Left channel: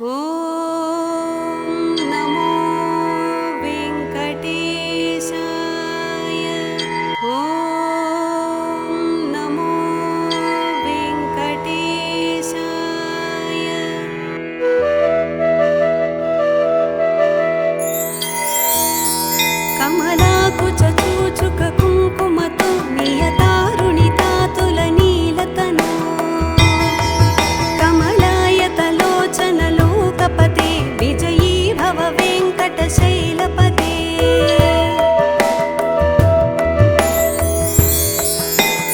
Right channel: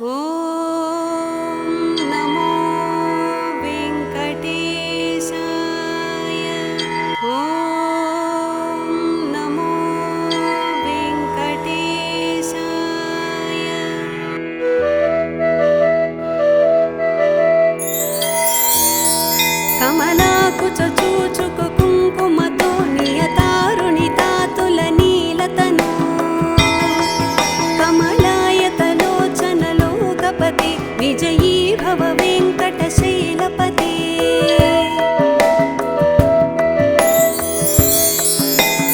ॐ नमो वेङ्कटेशाय। ॐ नमो वेङ्कटेशाय। कमलाकुचूचुककुङ्कुमतो नियतारुणितातुलनीलतनु कमलायतलोचनलोकपदे विजयी भव वेङ्कटशैलपदे।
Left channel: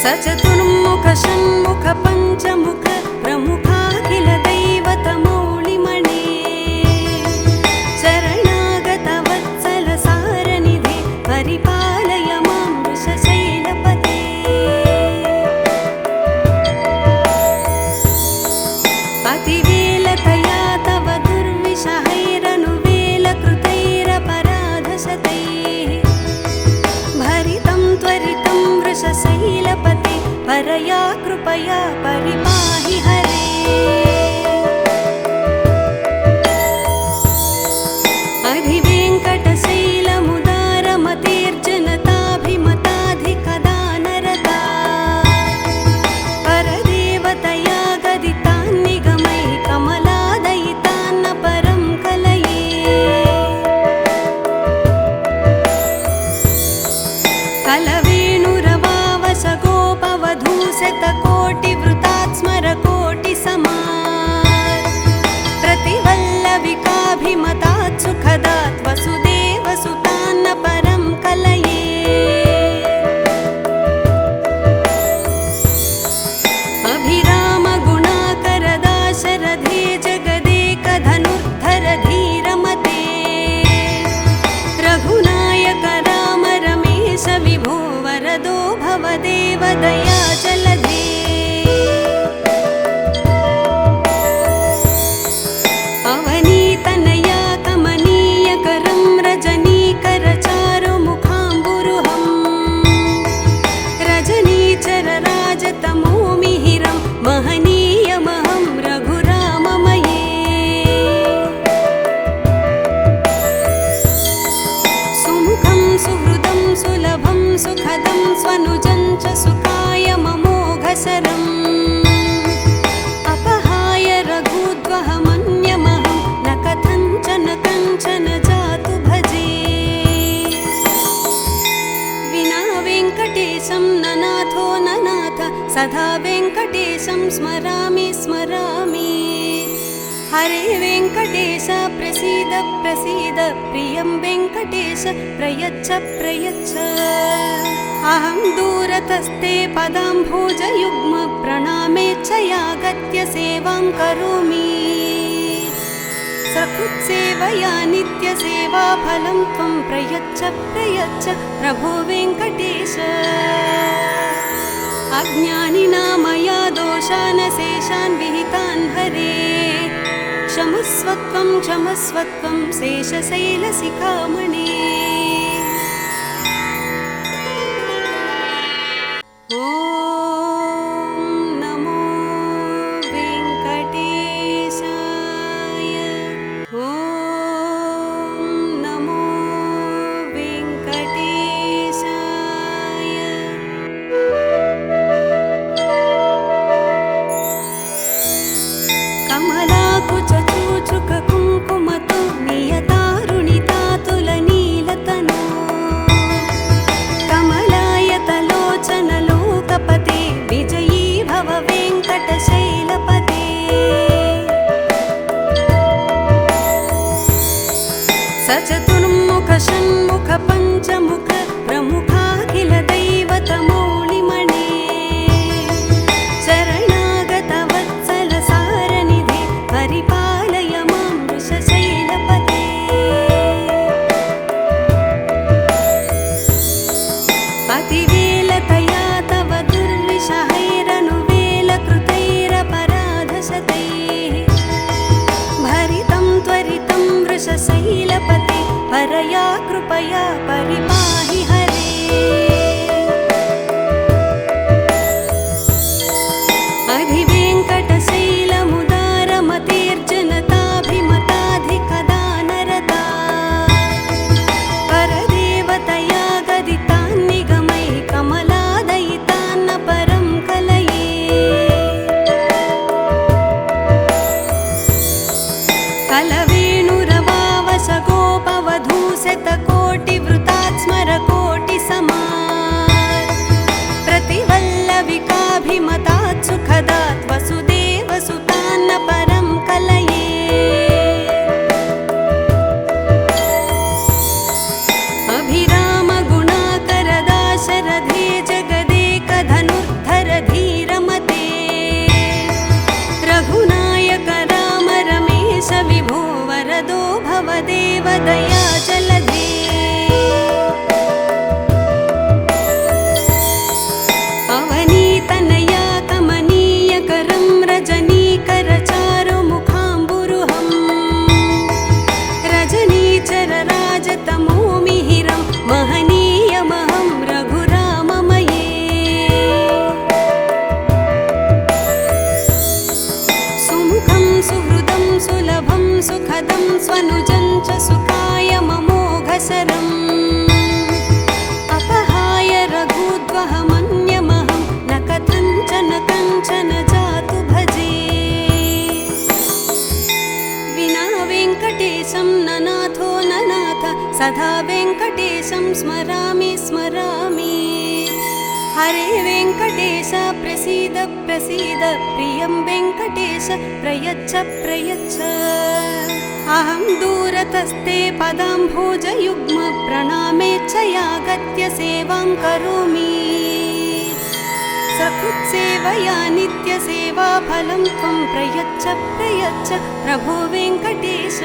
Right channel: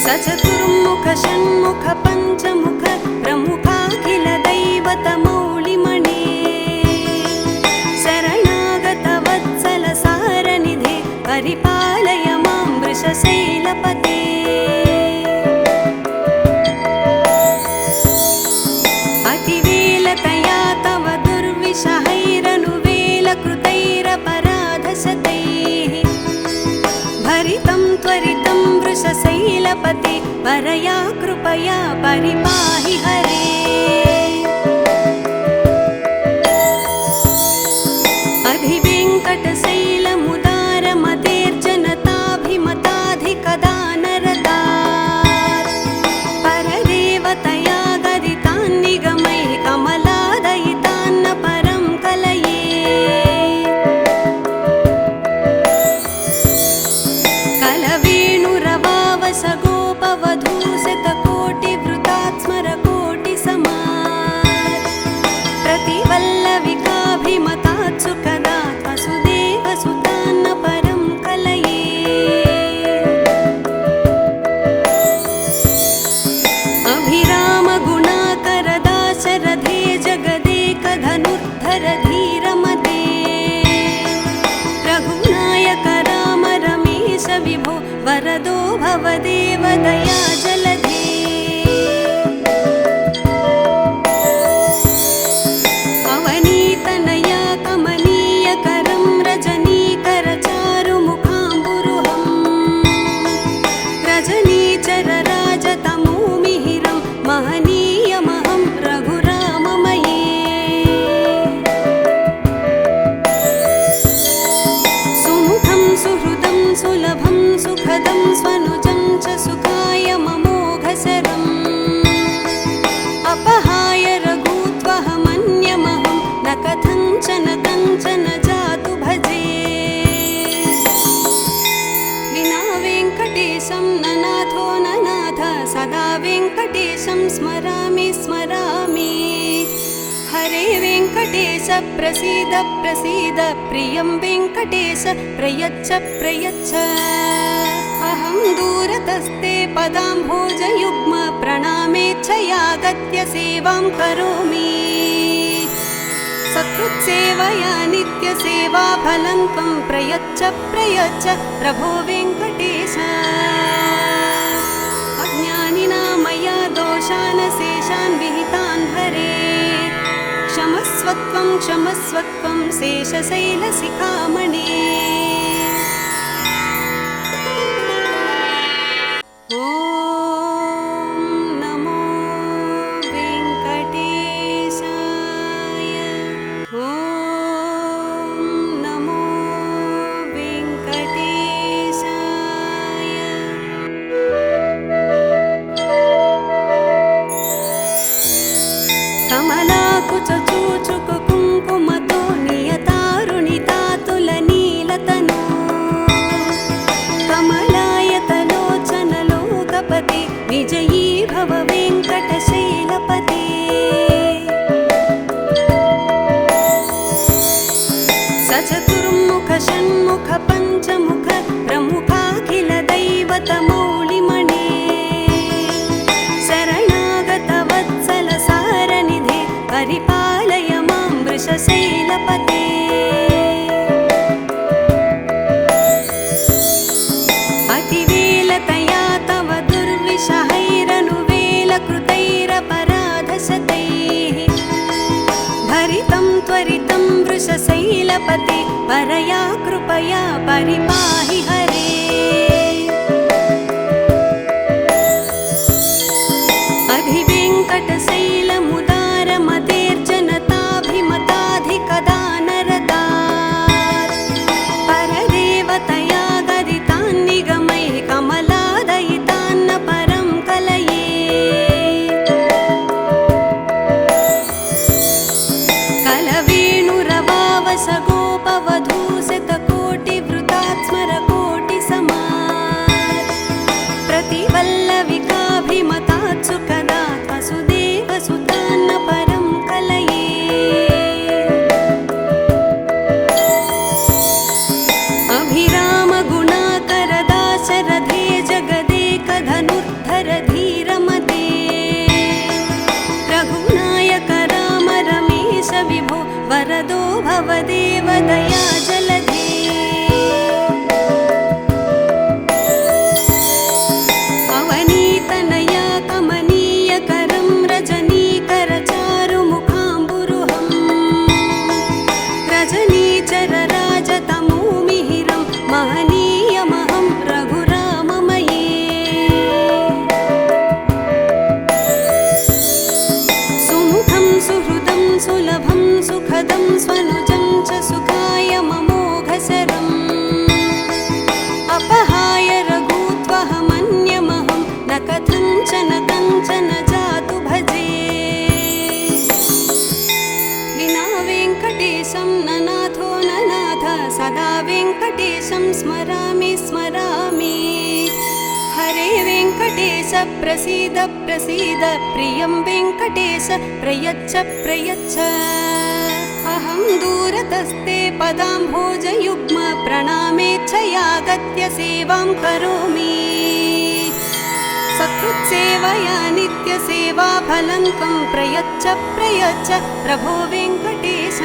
सचतुर्मुख षण्मुख पञ्चमुख प्रमुखाखिल दैवतमौलिमणे शरणागत वत्सल सारनिधे परिपालय मां वृषशैलपते। अतिवेलतया तव दुर्विषहैरनुवेलकृतैरपराधशतैः भरितं त्वरितं वृषशैलपते परया कृपया परिपाहि हरे। अधिवेङ्कटशैलमुदारमतेर्जनताभिमताधिकदानरता परदेवतया गदितान्निगमैः कमलादयितान्न परं कलये। कलवेणुरवावसगोपवधूशतकोटिवृतात् स्मरकोटिसमात् प्रतिवल्लविकाभिमतात् सुखदात् वसुदेवसुतान्न परं कलये। अभिरामगुणाकरदाशरथे जगदेकधनुद्धर धीरमते रघुनायक राम रमेश विभो वरदो भव देवदया जलधे। अवनीतनया कमनीयकरं रजनीकरचारुमुखाम्बुरुहं रजनीचरराजतमोमिहिरं महनीयमहं रघुराममये। सुमुखं सुहृदं सुलभं सुखदं स्वनुजं च सुखाय ममोघशरम् अपहाय रघूद्वहमन्यमहं न कथञ्चन कञ्चन जातु भजे। विना वेङ्कटेशं ननाथो ननाथ सदा वेङ्कटेशं स्मरामि स्मरामि। हरे वेङ्कटेश प्रसीद प्रसीद प्रियं वेङ्कटेश प्रयच्छ प्रयच्छ। अहं दूरतस्ते पदाम्भोजयुग्म प्रणामेच्छयागत्य सेवां करोमि। सकृत्सेवया नित्यसेवाफलं त्वं प्रयच्छ प्रयच्छ प्रभो वेङ्कटेश। अज्ञानिना मया दोषान् शेषान् विहितान् हरे क्षमस्वत्वं क्षमस्वत्वं शेषशैलशिखामणे। ॐ नमो वेङ्कटेशाय। ॐ नमो वेङ्कटेशाय। कमलाकुचूचुककुङ्कुमतो नियतारुणितातुलनीलतनु वेङ्कटेशं ननाथो ननाथ सदा वेङ्कटेशं स्मरामि स्मरामि हरे वेङ्कटेश प्रसीद प्रसीद प्रियं वेङ्कटेश प्रयच्छ प्रयच्छ अहं दूरतस्ते पदाम्भोजयुग्म प्रणामेच्छयागत्य सेवां करोमि सकृत्सेवया नित्यसेवा फलं त्वं प्रयच्छ प्रयच्छ प्रभो वेङ्कटेश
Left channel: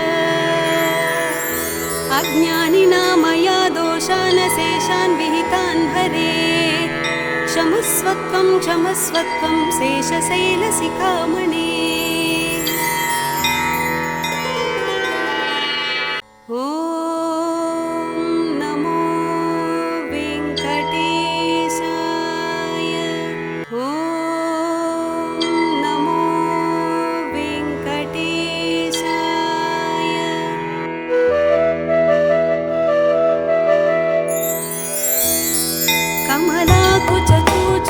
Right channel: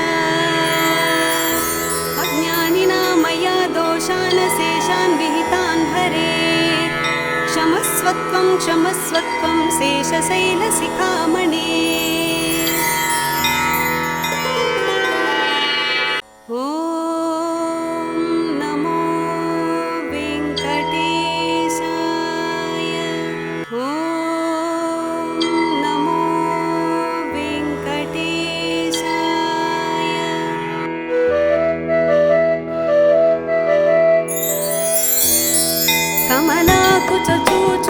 अज्ञानिना मया दोषान् शेषान् विहितान् हरे क्षमस्वत्वं क्षमस्वत्वं शेषशैलशिखामणे ॐ नमो वेङ्कटेशाय ॐ नमो वेङ्कटेशाय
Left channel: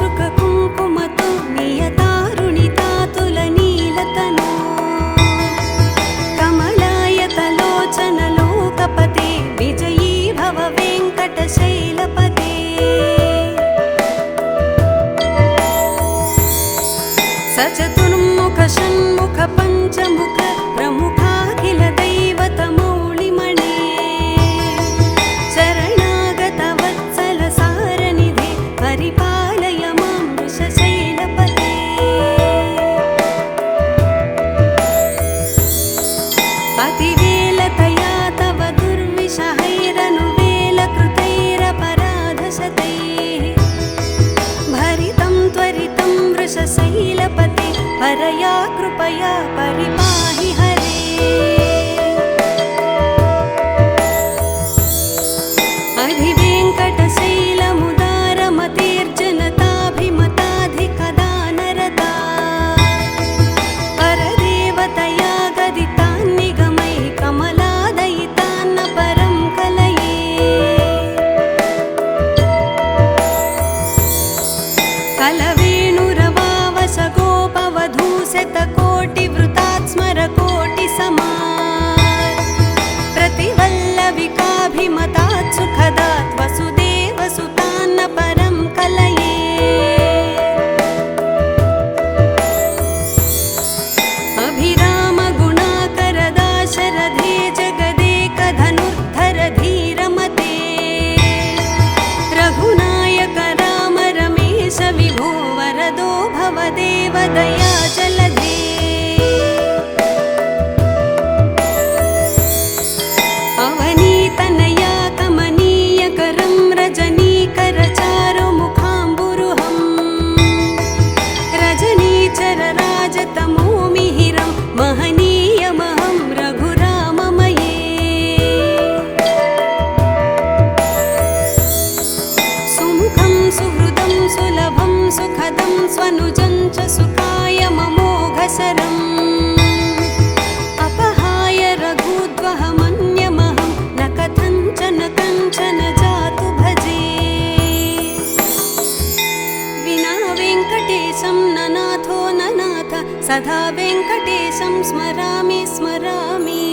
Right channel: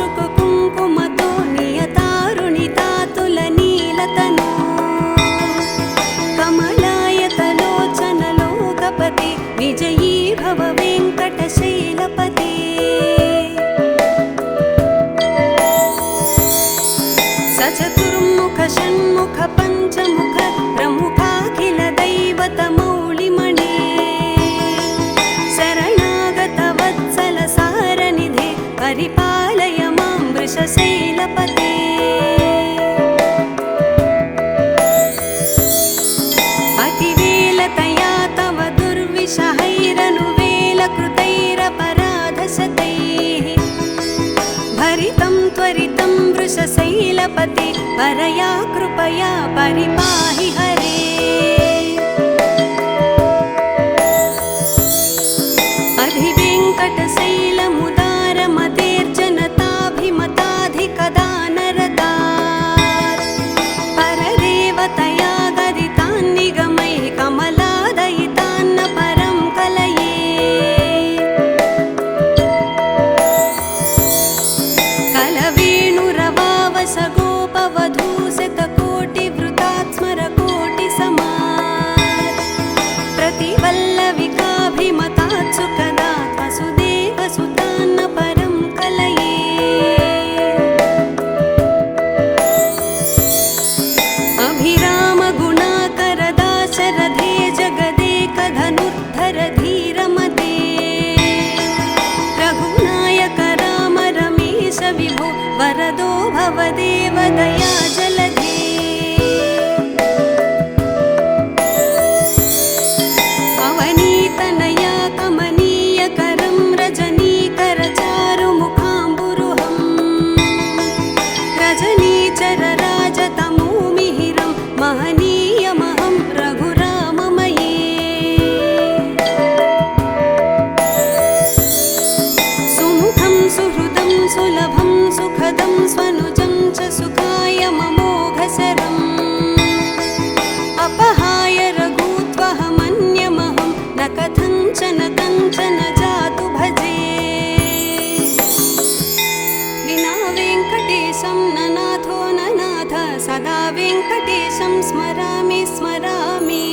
कमलाकुचूचुककुङ्कुमतो नियतारुणितातुलनीलतनु कमलायतलोचनलोकपदे विजयी भव वेङ्कटशैलपते सचतुर्मुख षण्मुख पञ्चमुख प्रमुखाखिल दैवतमौलिमणे शरणागत वत्सल सारनिधे परिपालय मां वृषशैलपते अतिवेलतया तव दुर्विषहैरनुवेलकृतैरपराधशतैः भरितं त्वरितं वृषशैलपते परया कृपया परिपाहि हरे अधिवेङ्कटशैलमुदारमतेर्जनताभिमताधिकदानरता परदेवतया गदितान्निगमैः कमलादयितान्न परं कलये कलवेणुरवावसगोपवधूशतकोटिवृतात् स्मरकोटिसमात् प्रतिवल्लविकाभिमतात् सुखदात् वसुदेवसुतान्न परं कलये अभिरामगुणाकरदाशरथे जगदेकधनुर्धर धीरमते रघुनायक राम रमेश विभो वरदो भवदेव दया जलधे अवनीतनया कमनीयकरं रजनीकरचारुमुखाम्बुरुहं रजनीचरराजतमोमिहिरं महनीयमहं रघुराममये सुमुखं सुहृदं सुलभं सुखदं स्वनुजं च सुखाय ममोघशरम् अपहाय रघुत्वहमन्यमहं न कथञ्चन कञ्चन जातु भजे विना वेङ्कटेशं ननाथो ननाथ सदा वेङ्कटेशं स्मरामि स्मरामि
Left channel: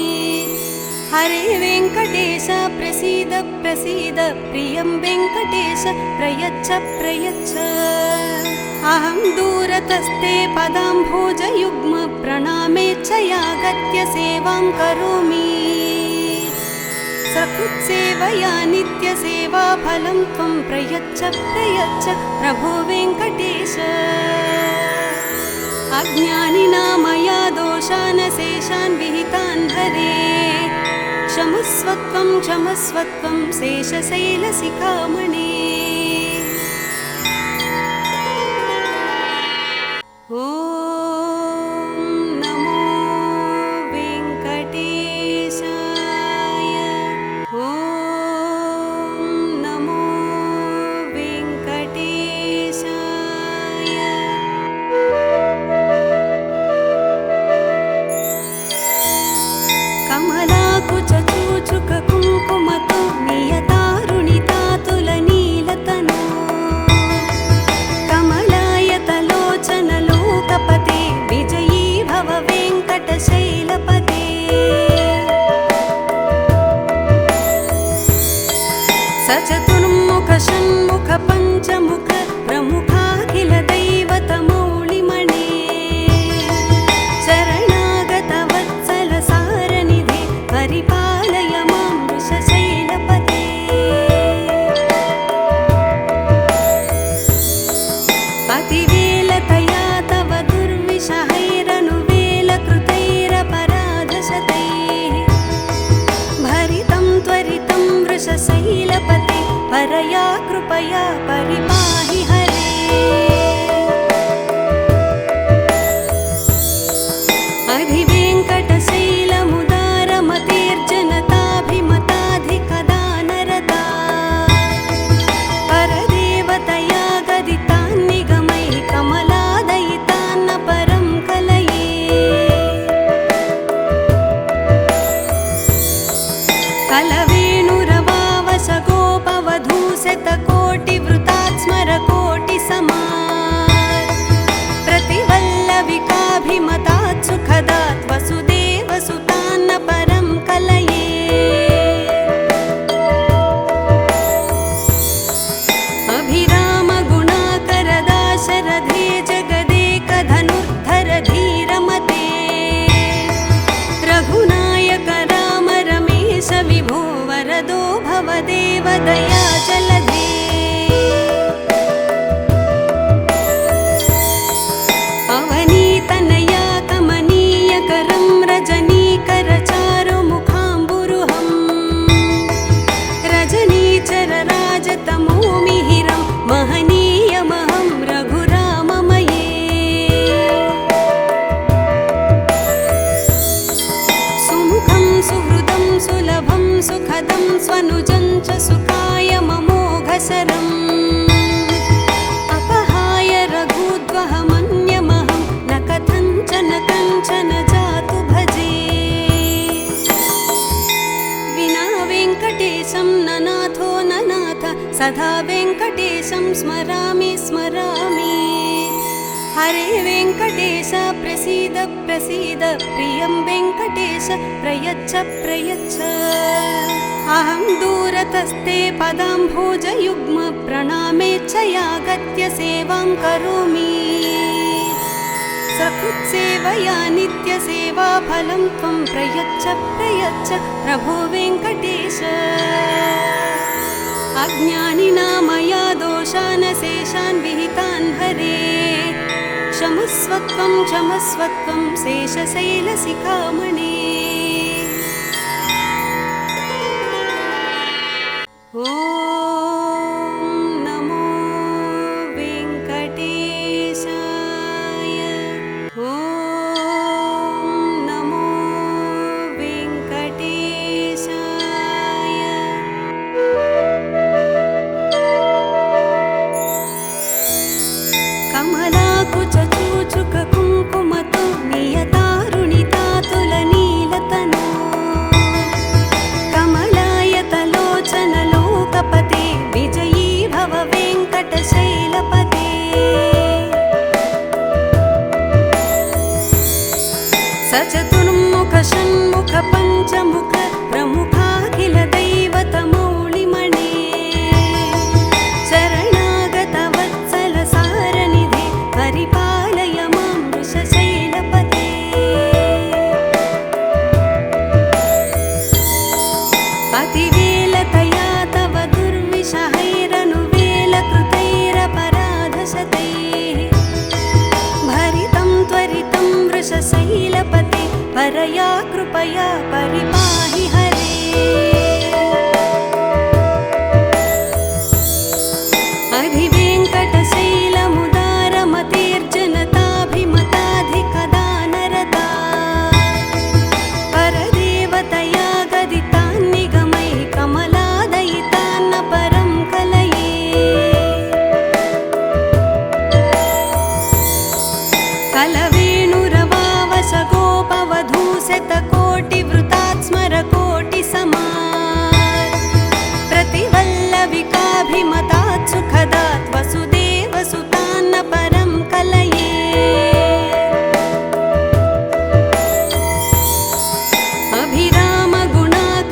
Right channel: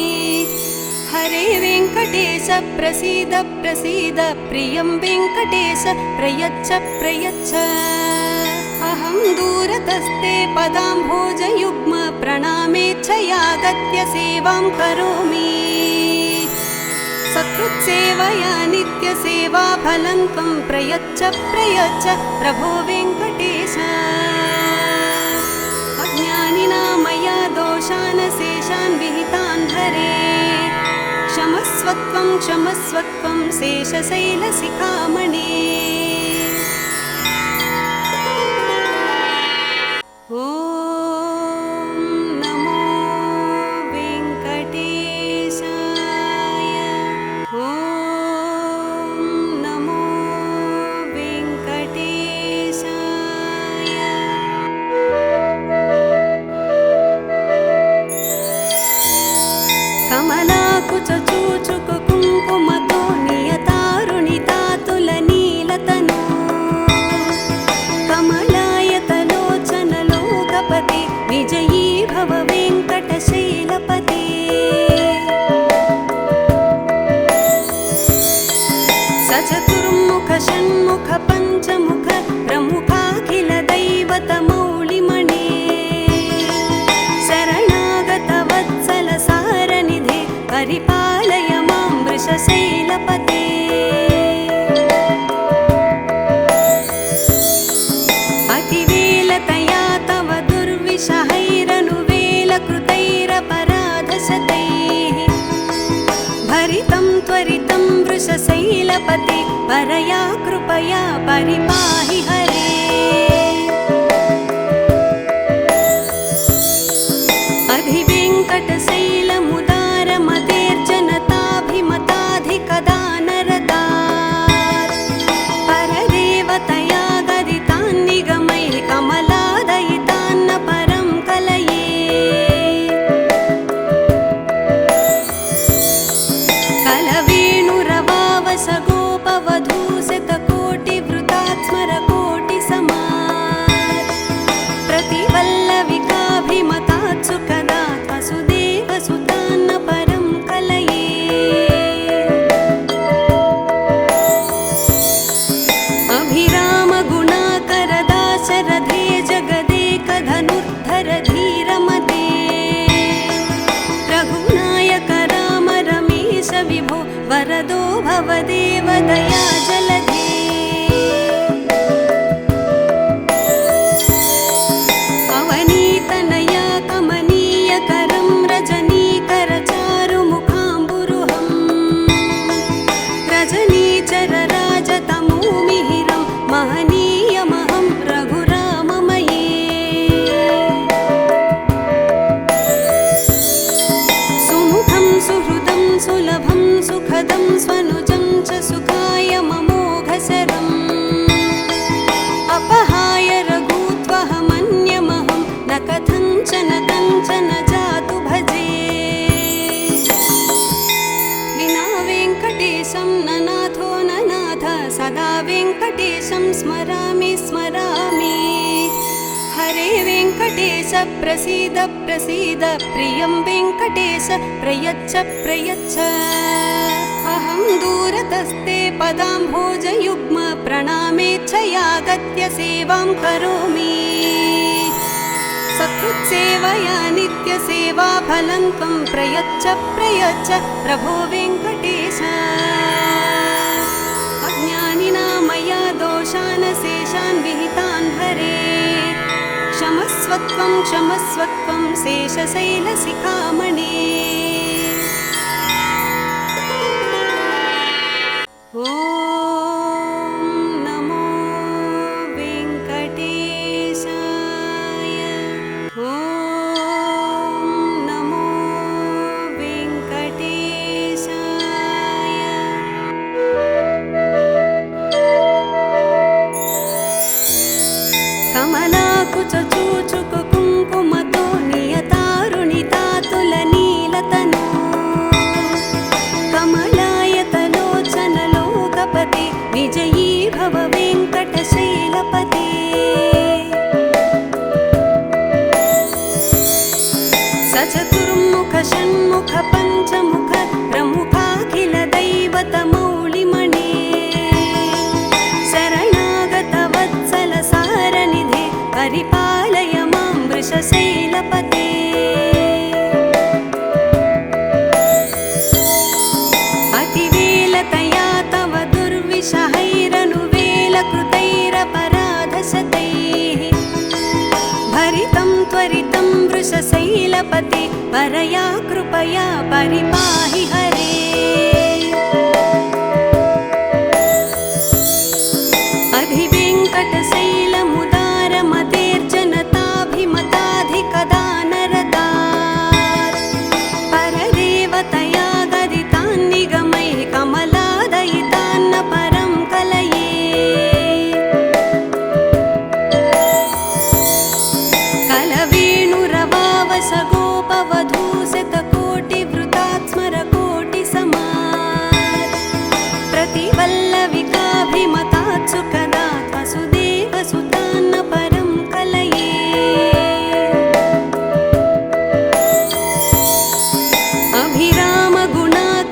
हरे वेङ्कटेश प्रसीद प्रसीद प्रियं वेङ्कटेश प्रयच्छ प्रयच्छ अहं दूरतस्ते पदाम्भोजयुग्म प्रणामेच्छयागत्य सेवां करोमि सकृत्सेवया नित्यसेवा फलं त्वं प्रयच्छ प्रयच्छ प्रभो वेङ्कटेश अज्ञानिना मया दोषान् शेषान् विहितान् हरे क्षमस्वत्वं क्षमस्वत्वं शेषशैलशिखामणे ॐ नमो वेङ्कटेशाय ॐ नमो वेङ्कटेशाय कमलाकुचूचुककुङ्कुमतो नियतारुणितातुलनीलतनु सुखदं स्वनुजं च सुखाय ममोघशरम् अपहाय रघूद्वहमन्यमहं न कथञ्चन कञ्चन जातु भजे विना वेङ्कटेशं ननाथो ननाथ सदा वेङ्कटेशं स्मरामि स्मरामि हरे वेङ्कटेश प्रसीद प्रसीद प्रियं वेङ्कटेश प्रयच्छ प्रयच्छ अहं दूरतस्ते पदाम्भोजयुग्म प्रणामेच्छयागत्य सेवां करोमि सकृत्सेवया नित्यसेवा फलं त्वं प्रयच्छ प्रयच्छ प्रभो वेङ्कटेश अज्ञानिना मया दोषान् शेषान् विहितान् हरे क्षमस्वत्वं क्षमस्वत्वं शेषशैलशिखामणे ॐ नमो वेङ्कटेशाय ॐ नमो वेङ्कटेशाय कमलाकुचूचुक कुङ्कुमतो नियतारुणितातुलनीलतनु कमलायतलोचनलोकपदे विजयी भव वेङ्कटशैलपते सचतुर्मुख षण्मुख पञ्चमुख प्रमुखाखिल दैवतमौलिमणे शरणागत वत्सल सारनिधे परिपालय मां वृषशैलपते अतिवेलतया तव दुर्विषहैरनुवेलकृतैरपराधशतैः भरितं त्वरितं वृषशैलपते परया कृपया परिपाहि हरे अधिवेङ्कटशैलमुदारमतेर्जनताभिमताधिकदानरता परदेवतया गदितान्निगमैः कमलादयितान्न परं कलये कलवेणुरवावस गोपवधूशतकोटिवृतात् स्मरकोटिसमात् प्रतिवल्लविकाभिमतात् सुखदात् वसुदेवसुतान्न परं कलये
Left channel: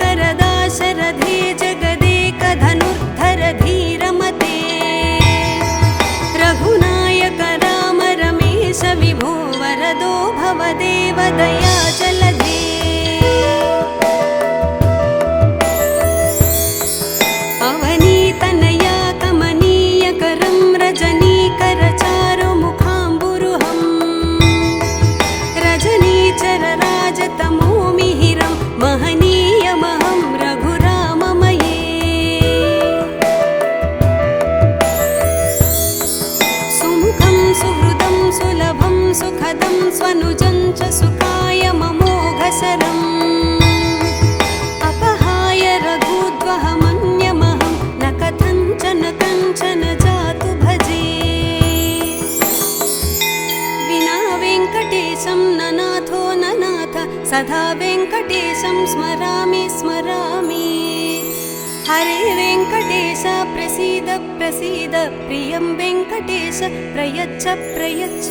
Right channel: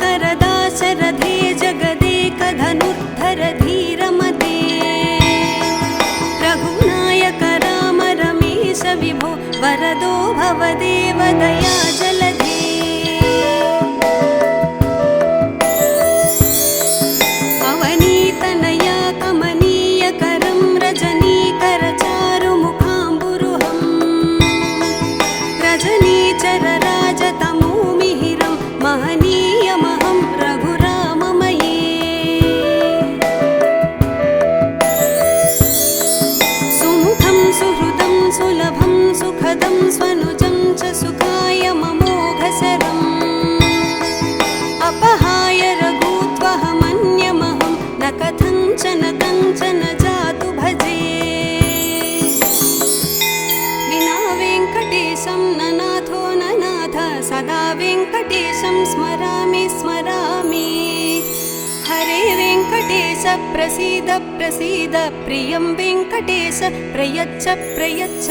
अभिरामगुणाकरदाशरथे जगदेकधनुर्धर धीरमते रघुनायक राम रमेश विभो वरदो भवदेव दया जलधे अवनीतनया कमनीयकरं रजनीकर चारुमुखाम्बुरुहं रजनीचरराजतमोमिहिरं महनीयमहं रघुराममये सुमुखं सुहृदं सुलभं सुखदं स्वनुजं च सुखाय ममोघशरम् अपहाय रघूद्वहमन्यमहं न कथञ्चन कञ्चन जातु भजे विना वेङ्कटेशं ननाथो ननाथ सदा वेङ्कटेशं स्मरामि स्मरामि हरे वेङ्कटेश प्रसीद प्रसीद प्रियं वेङ्कटेश प्रयच्छ प्रयच्छ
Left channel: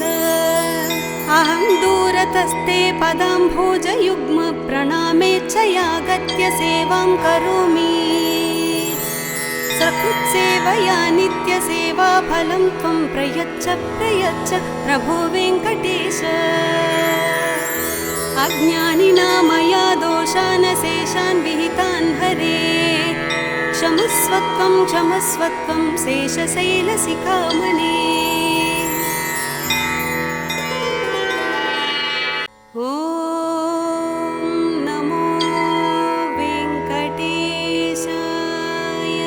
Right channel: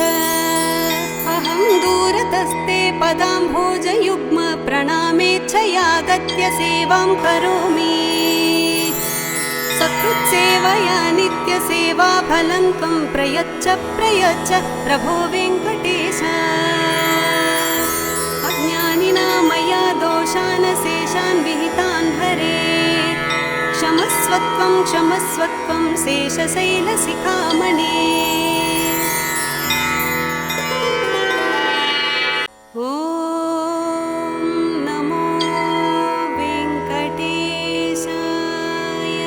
अहं दूरतस्ते पदाम्भोजयुग्म प्रणामेच्छयागत्य सेवां करोमि सकृत्सेवया नित्यसेवा फलं त्वं प्रयच्छ प्रयच्छ प्रभो वेङ्कटेश अज्ञानिना मया दोषान् शेषान् विहितान् हरे क्षमस्वत्वं क्षमस्वत्वं शेषशैलशिखामणे ॐ नमो वेङ्कटेशाय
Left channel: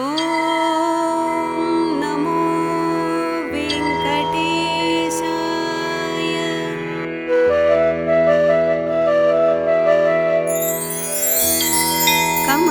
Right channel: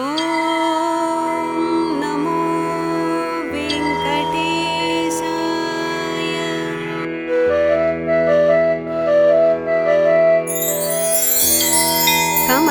ॐ नमो वेङ्कटेशाय कम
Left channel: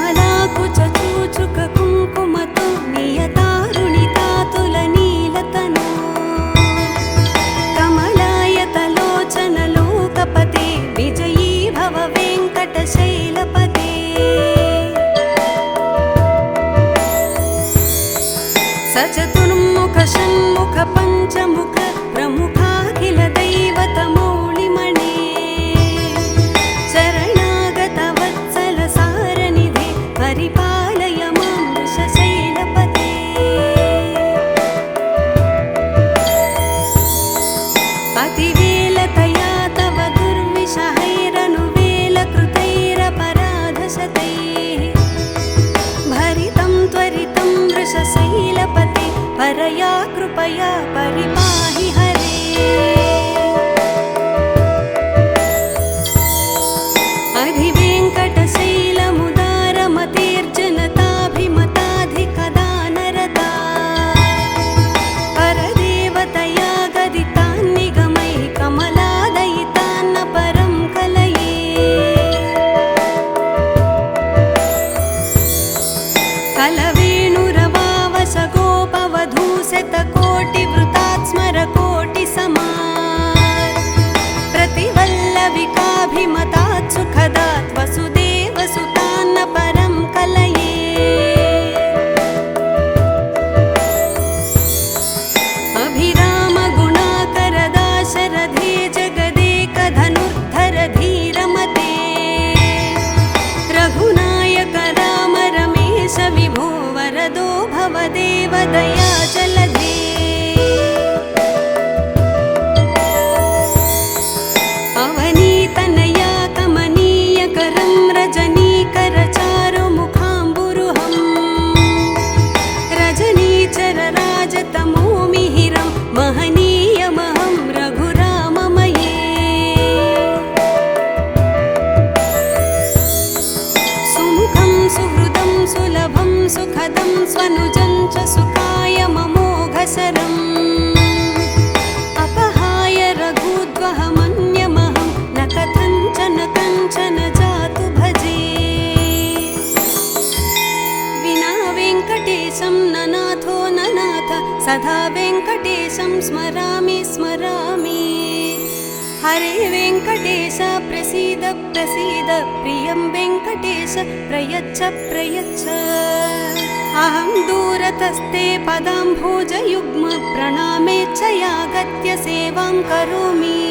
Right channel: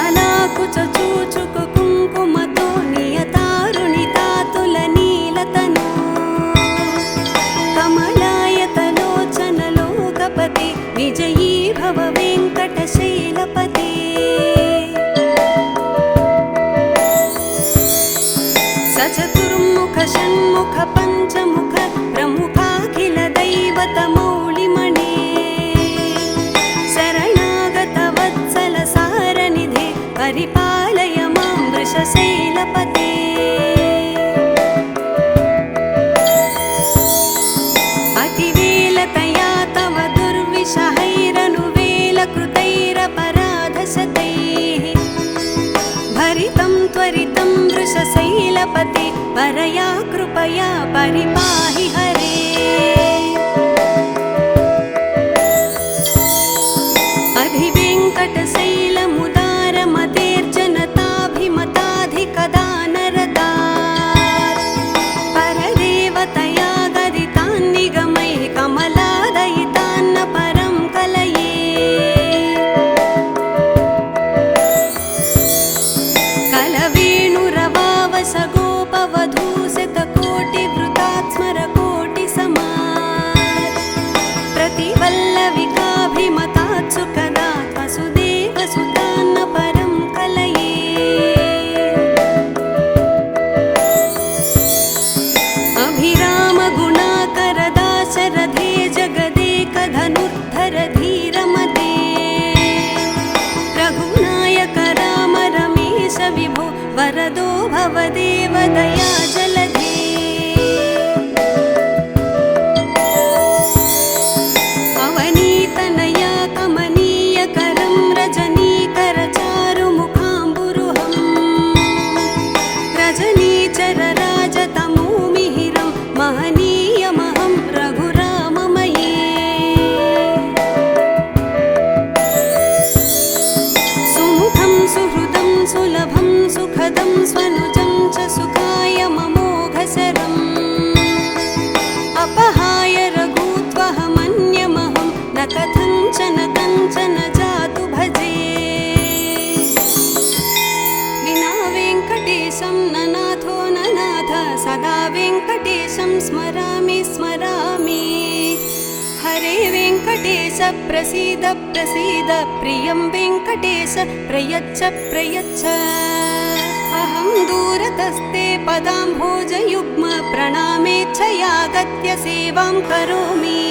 प्रसीद प्रियं वेङ्कटेश प्रयच्छ प्रयच्छ अहं दूरतस्ते पदाम्भोजयुग्म प्रणामेच्छयागत्य सेवां करोमि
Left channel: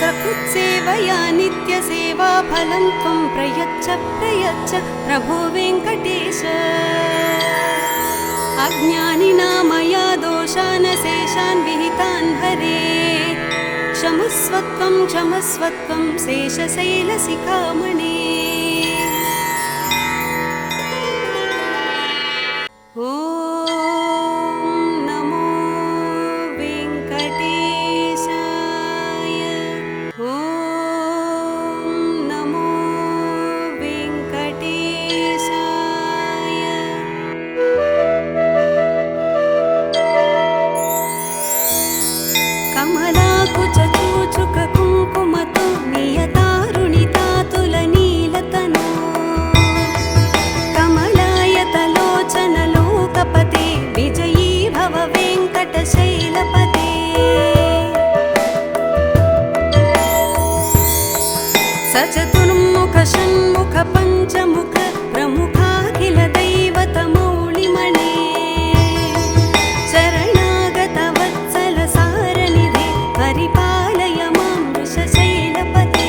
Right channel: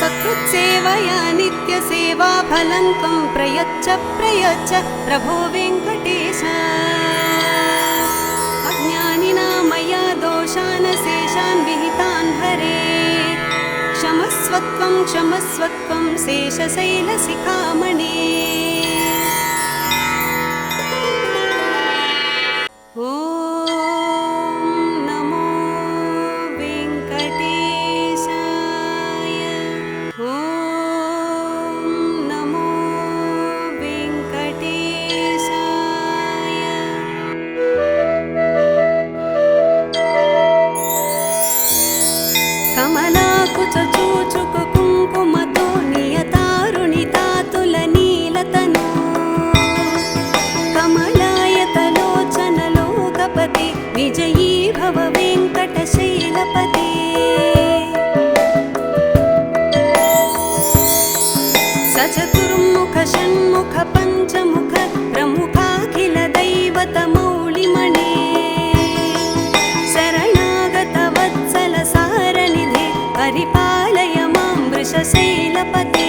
सकृत्सेवया नित्यसेवाफलं त्वं प्रयच्छ प्रयच्छ प्रभो वेङ्कटेश अज्ञानिना मया दोषान् शेषान् विहितान् हरे क्षमस्वत्वं क्षमस्वत्वं शेषशैलशिखामणे ॐ नमो वेङ्कटेशाय ॐ नमो वेङ्कटेशाय कमलाकुचूचुककुङ्कुमतो नियतारुणितातुलनीलतनु कमलायतलोचनलोकपदे विजयी भव वेङ्कटशैलपदे सचतुर्मुख षण्मुख पञ्चमुख प्रमुखाखिल दैवतमूलिमणे शरणागत वत्सल सारनिधे परिपालय मां वृषशैलपते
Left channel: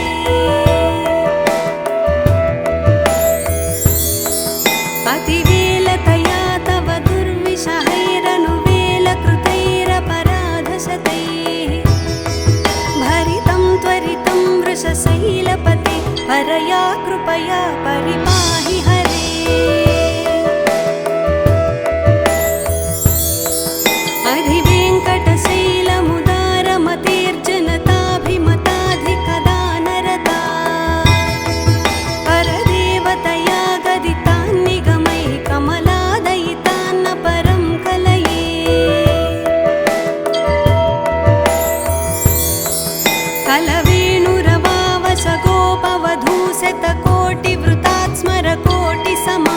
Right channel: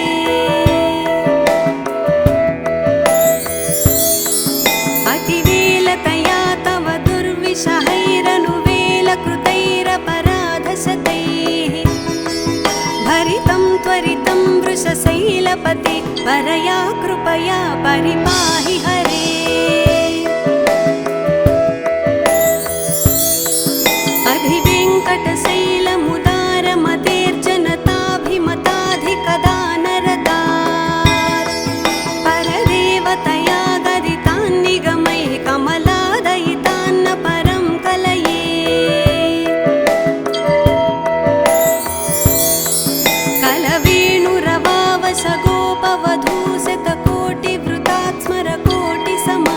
अतिवेलतया तव दुर्विषहैरनुवेलकृतैरपराधशतैः भरितं त्वरितं वृषशैलपते परया कृपया परिपाहि हरे अधिवेङ्कटशैलमुदारमतेर्जनताभिमताधिकदानरता परदेवतया गदितान् निगमैः कमलादयितान्न परं कलये कलवेणुरवावसगोपवधूशतकोटिवृतात् स्मरकोटिसमात्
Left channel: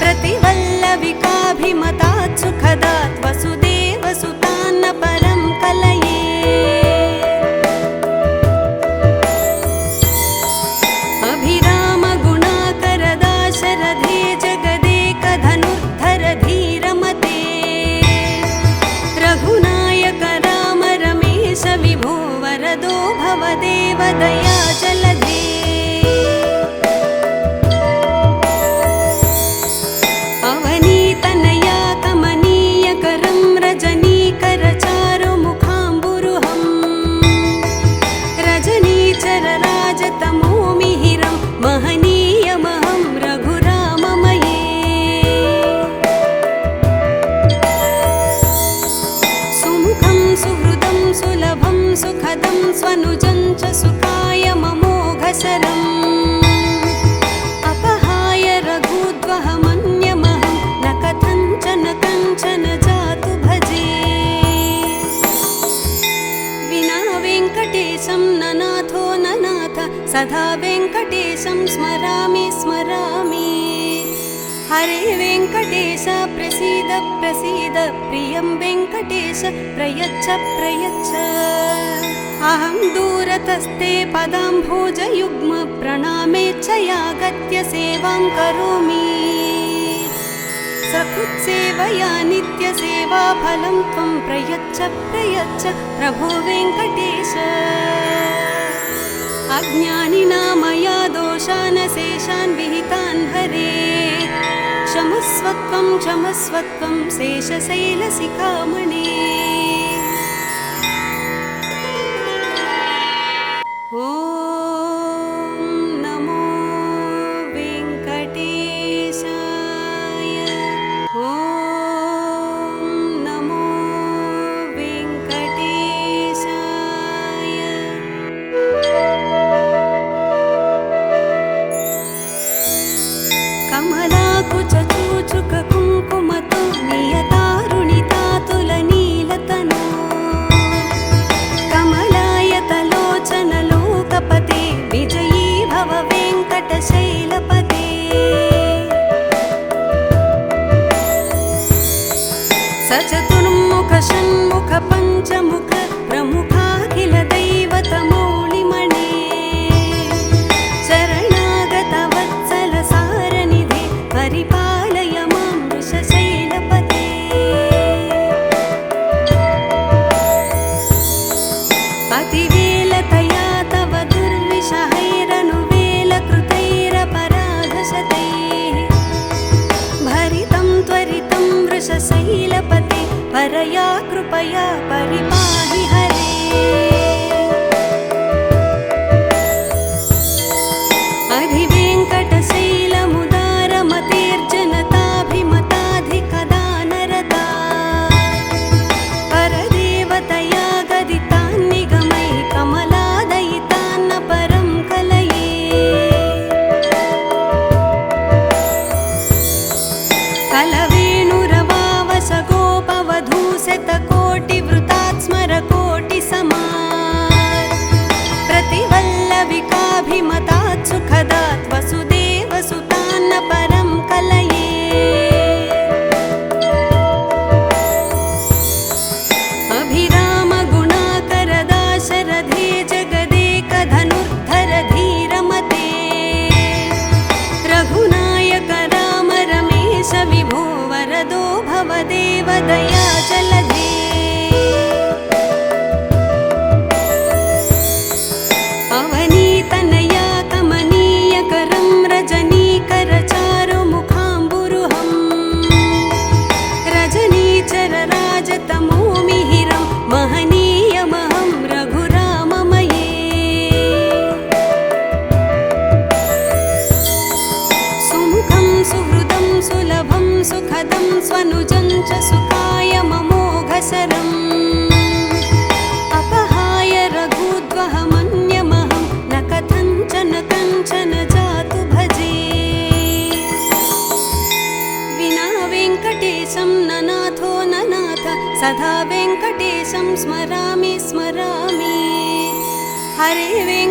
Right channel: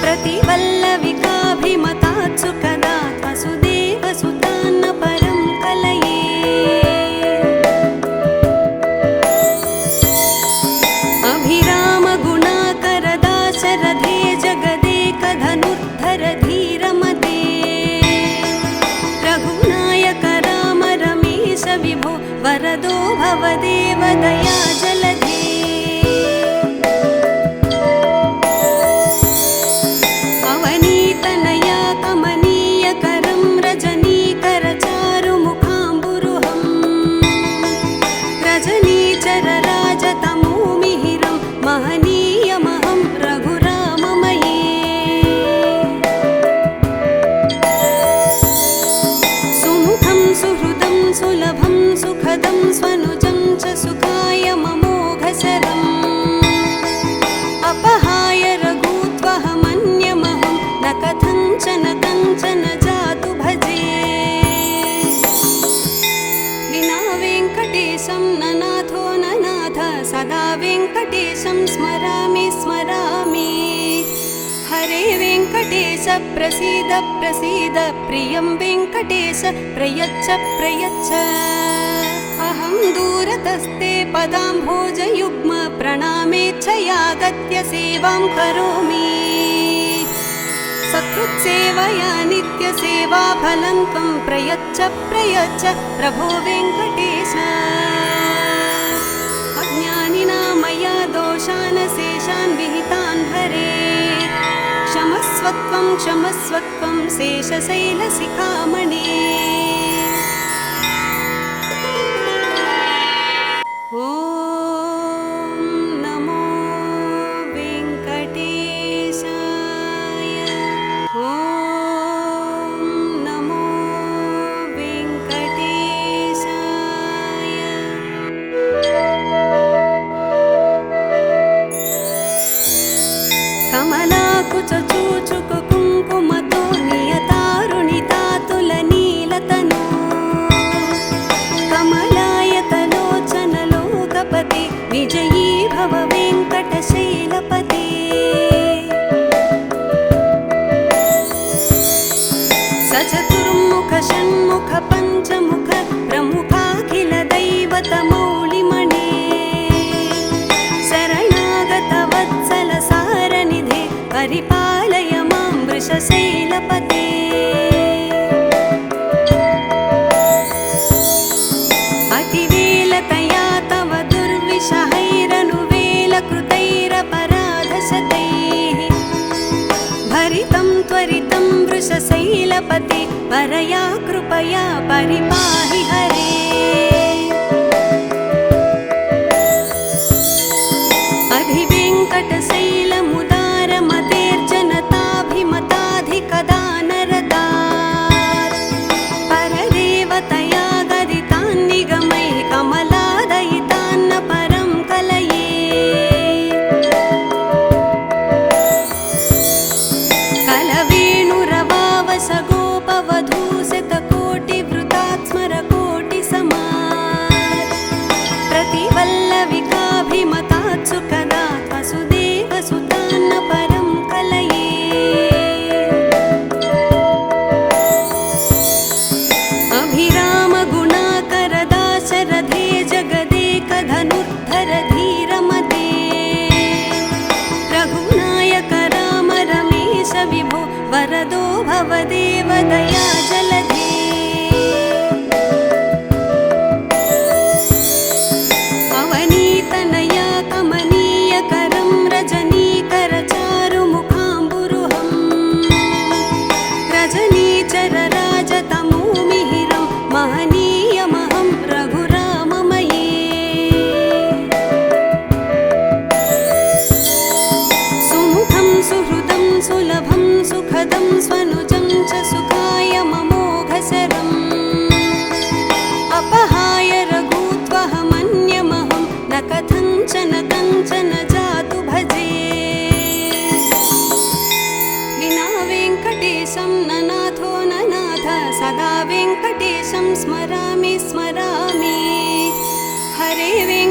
प्रतिवल्लविकाभिमतात् सुखदात् वसुदेवसुतान्न परं कलये अभिरामगुणाकरदाशरथे जगदेकधनुद्धर धीरमते रघुनायक राम रमेश विभो वरदो भवदेव दया जलधे अवनीतनया कमनीयकरं रजनीकरचारुमुखाम्बुरुहं रजनीचरराजतमोमिहिरं महनीयमहं रघुराममये सुमुखं सुहृदं सुलभं सुखदं स्वनुजं च सुखाय ममोघशरम् अपहाय रघुत्वहमन्यमहं न कथञ्चन कञ्चन जातु भजे विना वेङ्कटेशं न नाथो न नाथ सदा वेङ्कटेशं स्मरामि स्मरामि हरे वेङ्कटेश प्रसीद प्रसीद प्रियं वेङ्कटेश प्रयच्छ प्रयच्छ अहं दूरतस्ते पदाम्भोजयुग्म प्रणामेच्छयागत्य सेवां करोमि सकृत्सेवया नित्यसेवाफलं त्वं प्रयच्छ प्रयच्छ प्रभो वेङ्कटेश अज्ञानिना मया दोषान् शेषान् विहितान् हरे क्षमस्वत्वं क्षमस्वत्वं शेषशैलशिखामणे ॐ नमो वेङ्कटेशाय ॐ नमो वेङ्कटेशाय कमलाकुचूचुककुङ्कुमतो नियतारुणितातुलनीलतनु कमलायतलोचनलोकपदे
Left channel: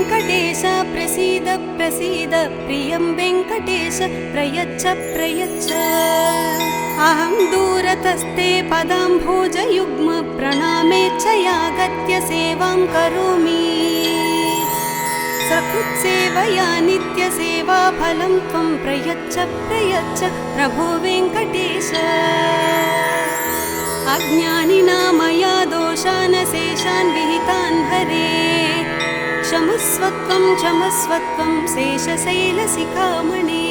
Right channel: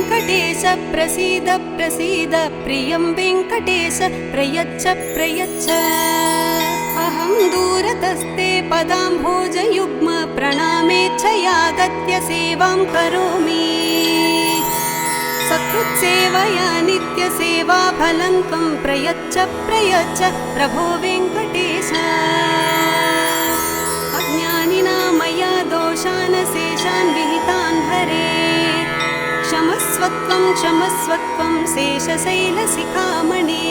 वेङ्कटेश प्रसीद प्रसीद प्रियं वेङ्कटेश प्रयच्छ प्रयच्छ अहं दूरतस्ते पदाम्भोजयुग्म प्रणामेच्छयागत्य सेवां करोमि सकृत्सेवया नित्यसेवाफलं त्वं प्रयच्छ प्रयच्छ प्रभो वेङ्कटेश अज्ञानिना मया दोषानशेषान् विहितान् हरे क्षमस्वत्वं क्षमस्वत्वं शेषशैलशिखामणे